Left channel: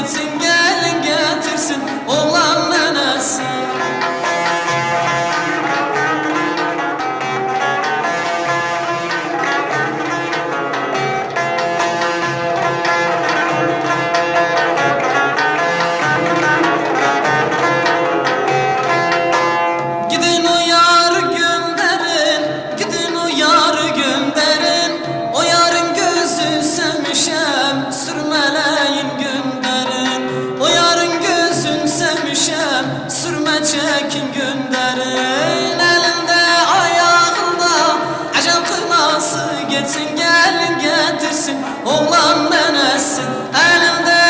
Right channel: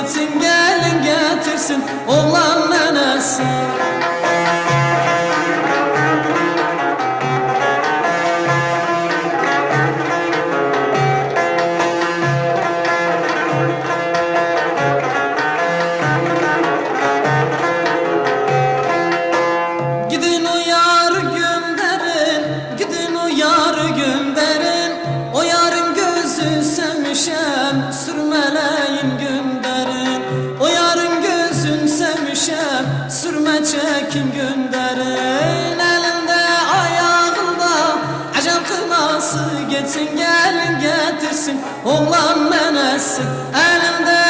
etsin gelin getirsin. Oğlan gitsin gelin getirsin. Oğlan nenesi elinde ayağında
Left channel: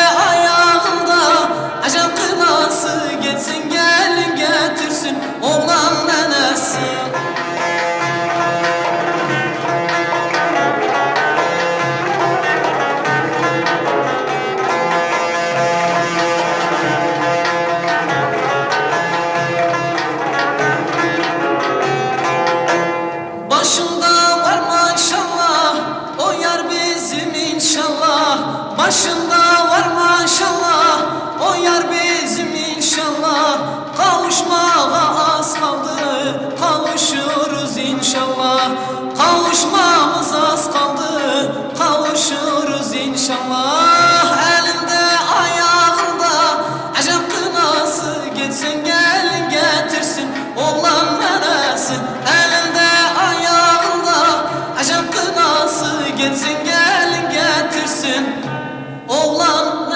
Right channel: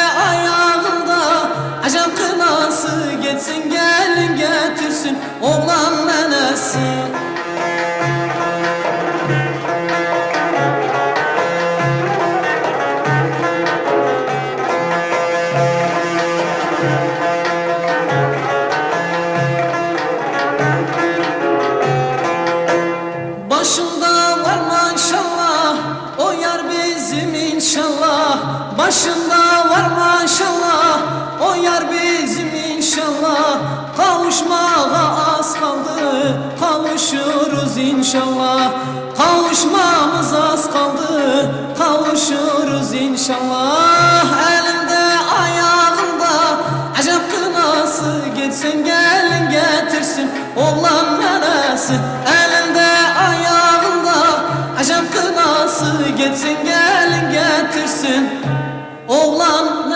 Başında var maşallah O yar bizim inşallah. Kavuşmağa az kaldı Kavuşuruz inşallah. Kavuşmamız az kaldı Kavuşuruz inşallah. Elinde ayağında Acep kınası Gitsin gelin getirsin Oğlan neresi? Elinde ayağında Acep kınası Gitsin gelin Oğlan